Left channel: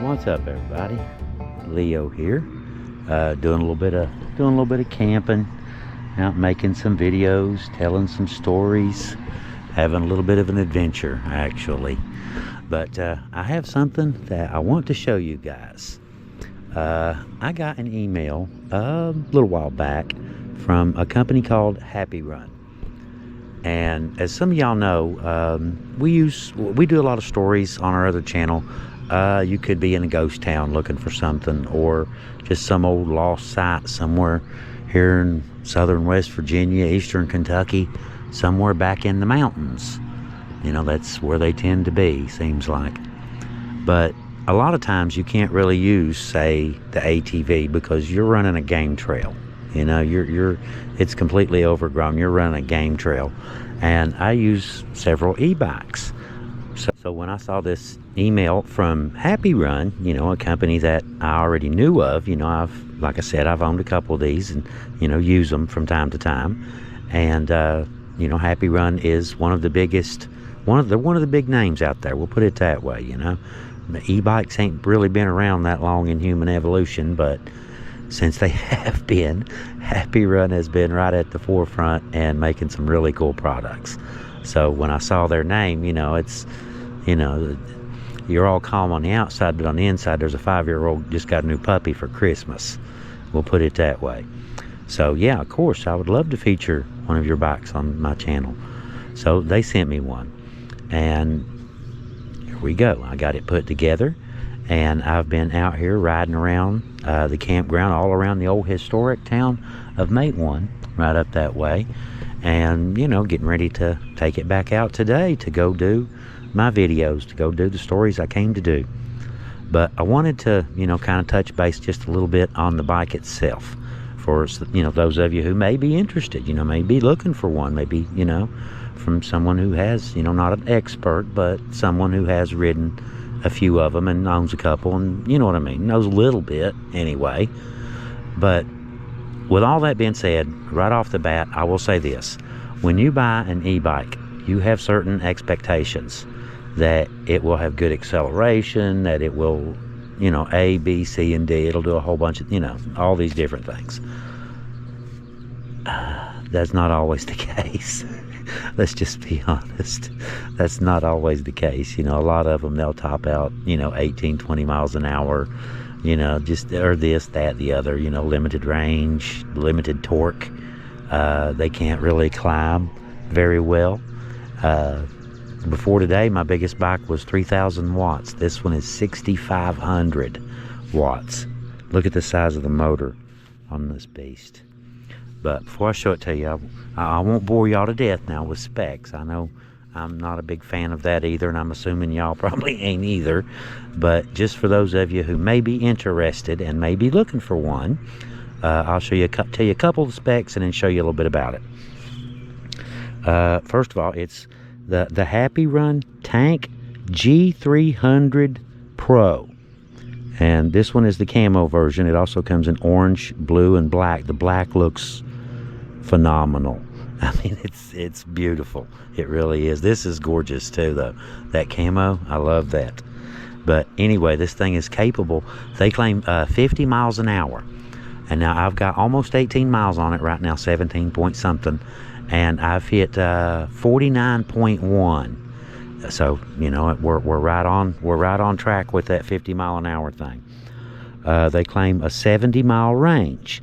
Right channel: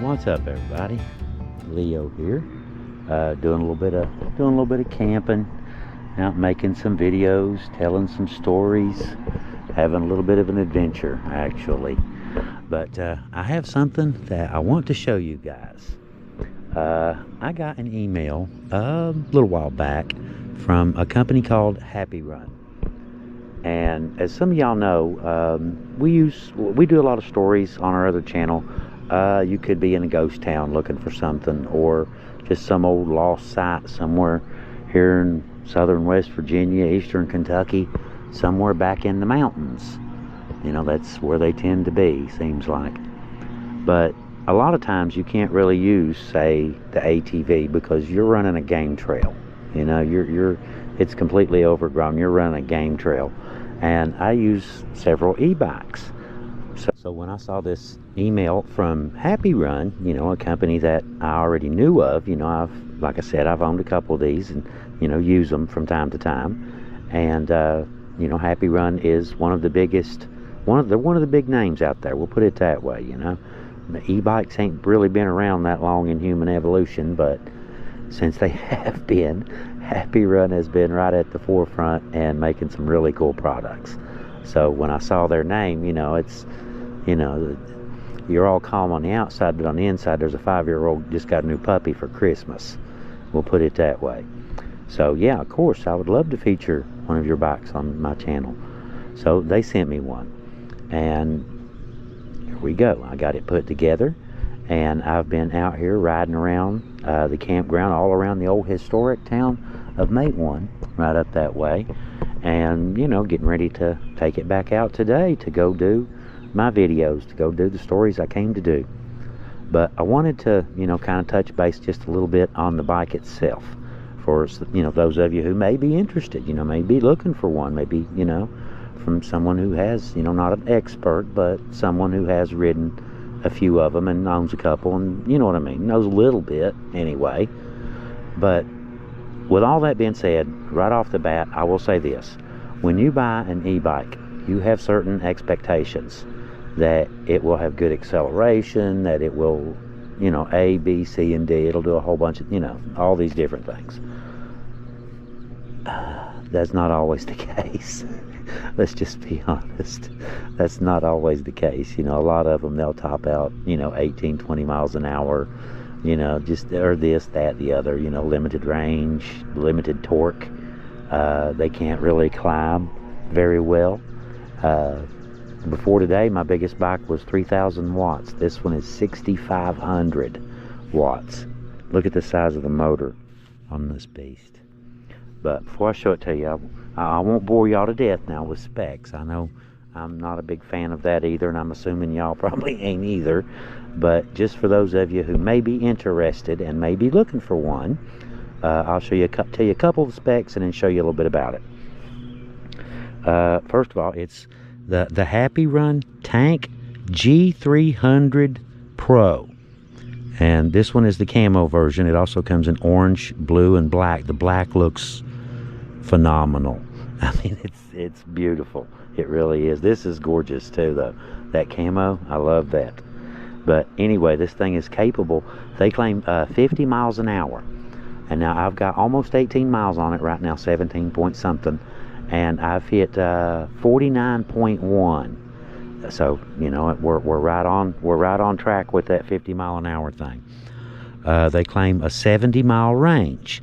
What's up, everybody? Leo here, doing a little bit of camping, out making some videos, telling some stories, having a little bit of an adventure actually. But I have something that I want to show you guys. I got an email a little while back from a company called Happy Run. And as some of y'all know, we do a lot of stories on our other channel. You could be in a ghost town looking for something, or just some old lost site somewhere here in southern West Virginia, eastern Kentucky, somewhere back in the mountains. You know, that's where they tend to be, seems like. But a lot of times you can't really use, say, the ATV because you're running a game trail. You know, it's completely overgrown. You're running a game trail. And I use several e-bikes. So when I saw this email from Happy Run, you know, a company that I already knew of, you know, like I said, I've owned a couple of these and, you know, use them from time to time. And, you know, Happy Run is one of the biggest, one of the big names out there. We'll put it that way, you know. The e-bikes ain't really been around that long in human evolution, but since they have been, Happy Run has been right at the forefront and making some really cool products. So when I saw their name, you know, it's, you know, you're all calm on the outside, but on the inside there's a 5-year-old just got a new puppy for Christmas. We'll put it that way. So yeah, of course, I would love to feature one of your bikes on my channel. So they sent me one, and here we go. I got it put together, and I've been out here riding around the campground all around the old historic town of Matewan, right up that way, and, you know, getting ready to take it back out today to go do my videos, to go do the stories I came to do. But I wanted to, you know, kind of touch base just a little bit on the bike itself for, you know, those of you who may be interested, you know, may be looking for one, maybe, you know, from someone who has, you know, not an expert, but someone who has ridden a few of them and owns a couple, and you know what I mean, knows a little bit anyway. But with all that being said, right off the bat, I will say this: when you buy an e-bike, you have certain expectations that it will have good acceleration, that it will, you know, A, B, C, and D. It'll do a whole bunch of, you know, all these different things. That's not always the case. Let's just be honest. That's not always the case. You know, a lot of them, they'll top out, you know, 18, 20 miles an hour, you know, just, or this, that, the other, you know, limited range, limited torque. They can't really climb very well. Before today, my biggest bike was 3,000 watts. This one is 6,500 watts. Look at the size of the motor on this beast. But before I show it to you, I won't bore y'all to death now with specs. I know I'm not a big fan of that either, and I'm assuming y'all probably ain't either. But just for those of you who may be interested and may be looking for one, I'll show you, tell you a couple of specs and then show you a little bit about it. First of all, it's the Happy Run Tank G300 Pro. And this one is the camo version. It also comes in orange, blue, and black. The black looks phenomenal. I mean, it's beautiful. It really is. This is gorgeous too, though. That camo, I love that. But anyway, this thing is capable. They claim 50 miles an hour. And now I've got almost 18 miles on it right now, 17 point something. And I've hit 49.1. So, you know, we're right on track with that 50 mile an hour thing. They claim a 70 mile range,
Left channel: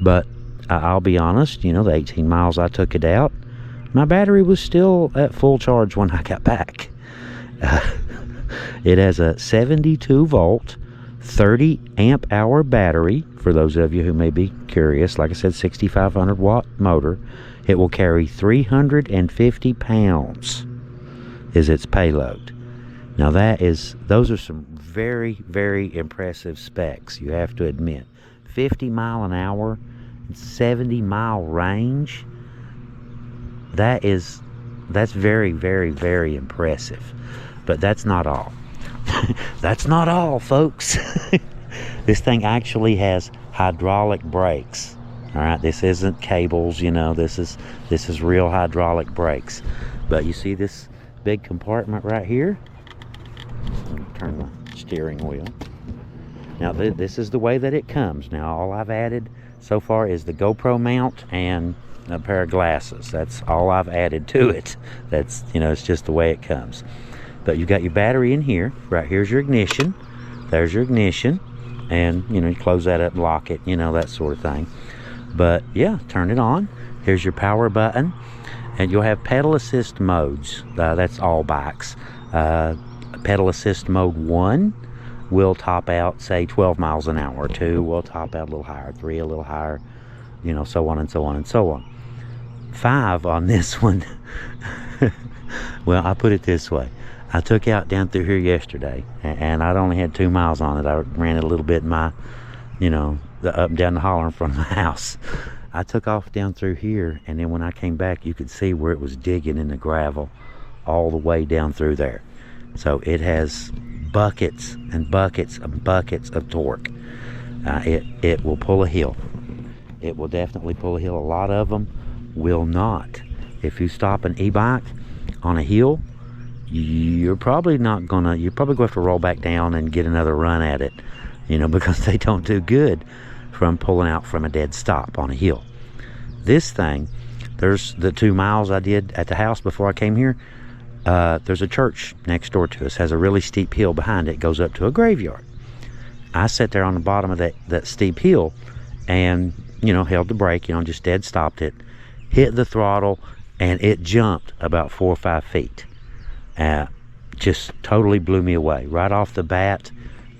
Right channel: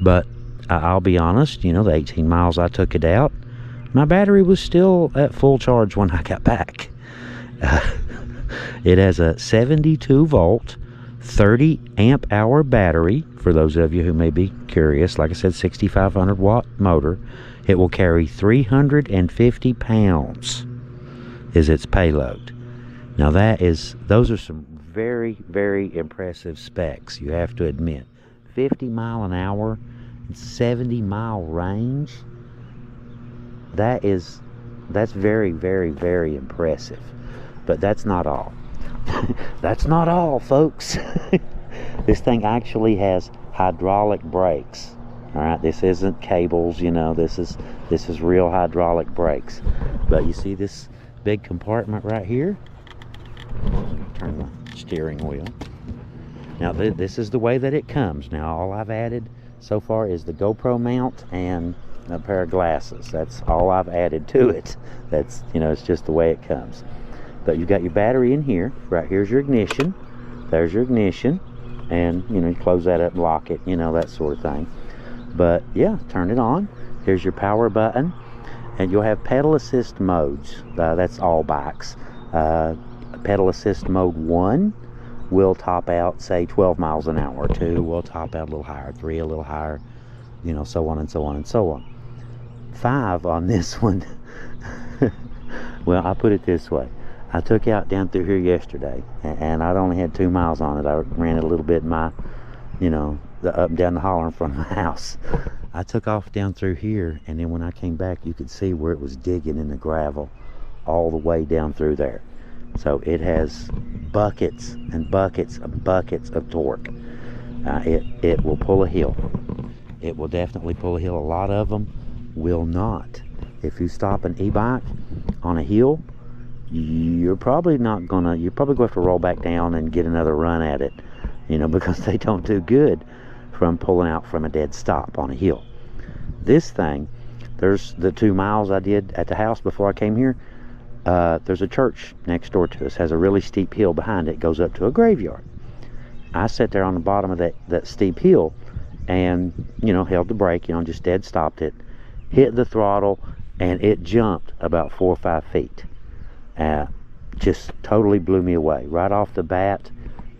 but I'll be honest, you know, the 18 miles I took it out, my battery was still at full charge when I got back. It has a 72 volt 30 amp hour battery, for those of you who may be curious. Like I said, 6,500 watt motor. It will carry 350 pounds is its payload. Now those are some very, very impressive specs, you have to admit. 50 mile an hour, 70 mile range. That's very, very, very impressive. But that's not all. That's not all, folks. This thing actually has hydraulic brakes. All right, this isn't cables, you know, this is real hydraulic brakes. But you see this big compartment right here? Turn the steering wheel. Now this is the way that it comes. Now all I've added so far is the GoPro mount and a pair of glasses. That's all I've added to it. That's, you know, it's just the way it comes. But you've got your battery in here. Right here's your ignition. There's your ignition. And, you know, you close that up and lock it, you know, that sort of thing. But yeah, turn it on. Here's your power button. And you'll have pedal assist modes. That's all bikes. Pedal assist mode 1 will top out, say, 12 miles an hour. 2 will top out a little higher. 3 a little higher. You know, so on and so on and so on. 5 on this one. Well, I'll put it this way. I took out down through here yesterday, and I'd only had 2 miles on it. I ran it a little bit in my, you know, the up and down the holler in front of my house. I took off down through here, and then when I came back, you could see where it was digging in the gravel all the way down through there. So it has buckets and buckets and buckets of torque. It will pull a hill. It will definitely pull a hill. A lot of them will not. If you stop an e-bike on a hill, you're probably going to have to roll back down and get another run at it, you know, because they don't do good from pulling out from a dead stop on a hill. This thing, there's the 2 miles I did at the house before I came here. There's a church next door to us, has a really steep hill behind it, goes up to a graveyard. I sat there on the bottom of that steep hill and, you know, held the brake, you know, just dead stopped it, hit the throttle, and it jumped about 4 or 5 feet. Just totally blew me away. Right off the bat,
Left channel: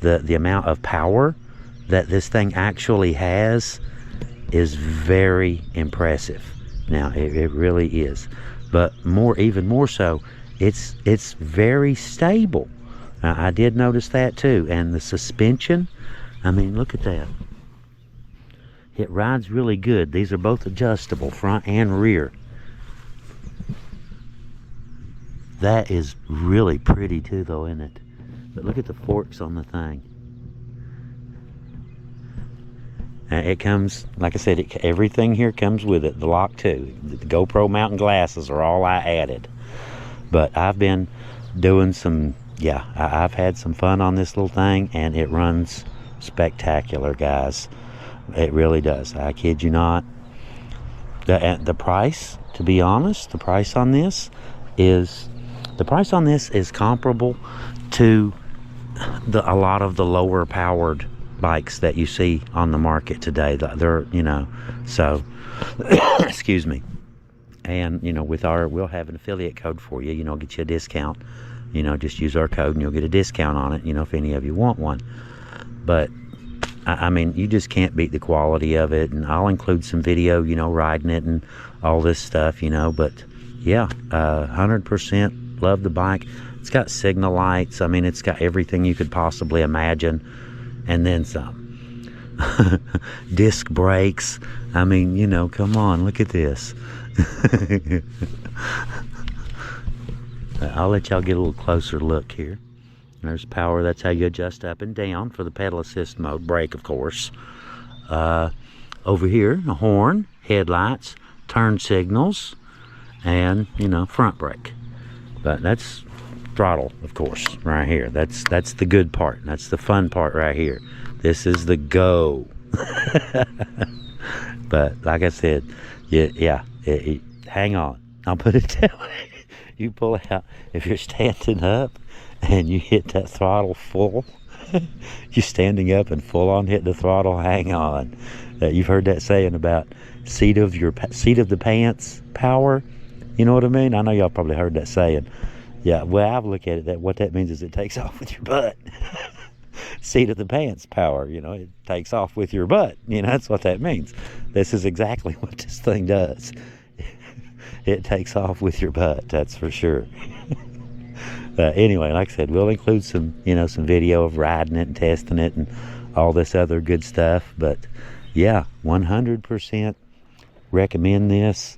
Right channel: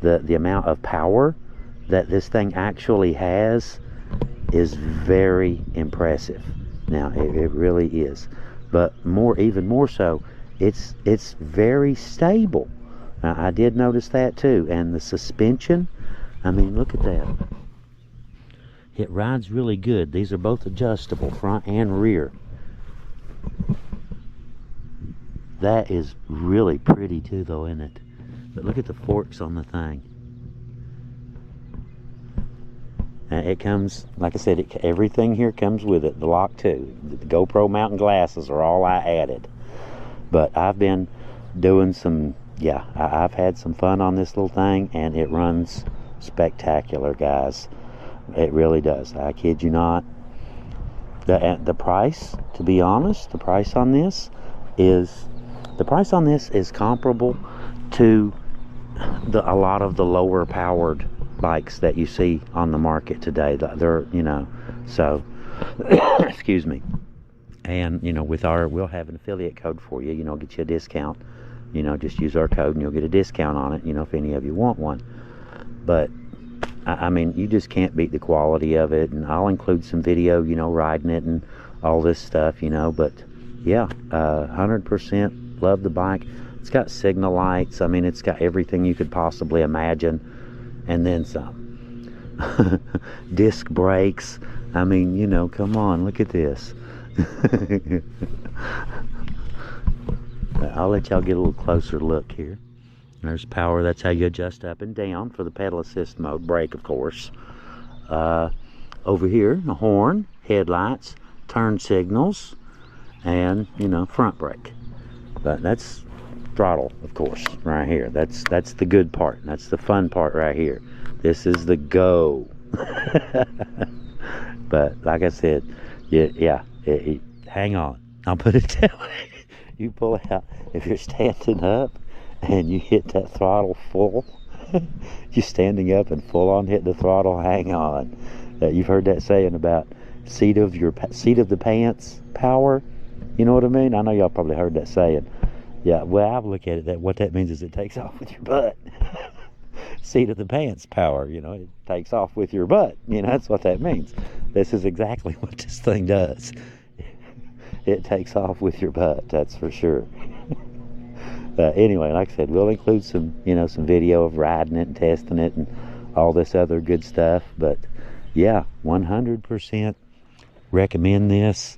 the amount of power that this thing actually has is very impressive. Now, it really is. But even more so, it's very stable. I did notice that too. And the suspension, I mean, look at that. It rides really good. These are both adjustable, front and rear. That is really pretty too, though, isn't it? But look at the forks on the thing. It comes, like I said, everything here comes with it. The lock too. The GoPro mount and glasses are all I added. But I've been doing some, yeah, I've had some fun on this little thing, and it runs spectacular, guys. It really does. I kid you not. The price, to be honest, the price on this is comparable to a lot of the lower powered bikes that you see on the market today. They're, you know, so excuse me. And, you know, we'll have an affiliate code for you, you know, get you a discount. You know, just use our code and you'll get a discount on it, you know, if any of you want one. But I mean, you just can't beat the quality of it. And I'll include some video, you know, riding it and all this stuff, you know. But yeah, 100% love the bike. It's got signal lights. I mean, it's got everything you could possibly imagine, and then some. Disc brakes. I mean, you know, come on, look at this. I'll let y'all get a little closer look here. There's power. That's how you adjust up and down for the pedal assist mode. Brake, of course. Over here, a horn, headlights, turn signals, and, you know, front brake. But that's throttle, of course, right here. That's the good part. That's the fun part right here. This is the go. But like I said, yeah, hang on. I'll put it that way. You pull out, if you're standing up and you hit that throttle full, you're standing up and full on hit the throttle, hang on. You've heard that saying about seat of the pants power. You know what I mean? I know y'all probably heard that saying. Yeah, well, I've looked at it, what that means is it takes off with your butt. Seat of the pants power, you know, it takes off with your butt. You know, that's what that means. This is exactly what this thing does. It takes off with your butt, that's for sure. Anyway, like I said, we'll include some, you know, some video of riding it and testing it and all this other good stuff. But yeah, 100% recommend this.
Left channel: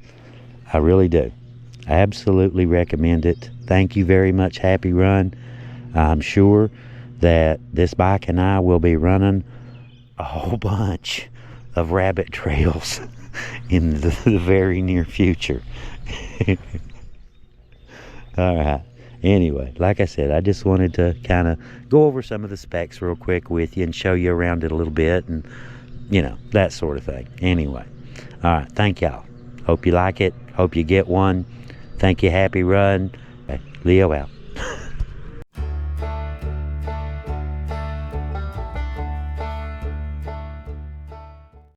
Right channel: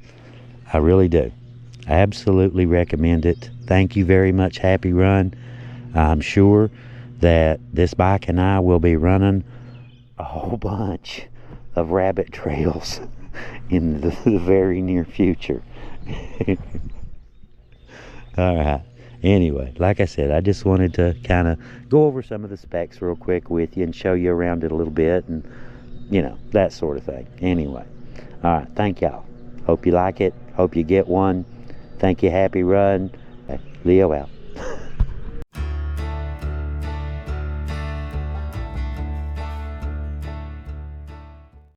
I really do. Absolutely recommend it. Thank you very much, Happy Run. I'm sure that this bike and I will be running a whole bunch of rabbit trails in the very near future. All right. Anyway, like I said, I just wanted to kind of go over some of the specs real quick with you and show you around it a little bit, and you know, that sort of thing. Anyway, all right, thank y'all. Hope you like it. Hope you get one. Thank you. Happy run. Leo out.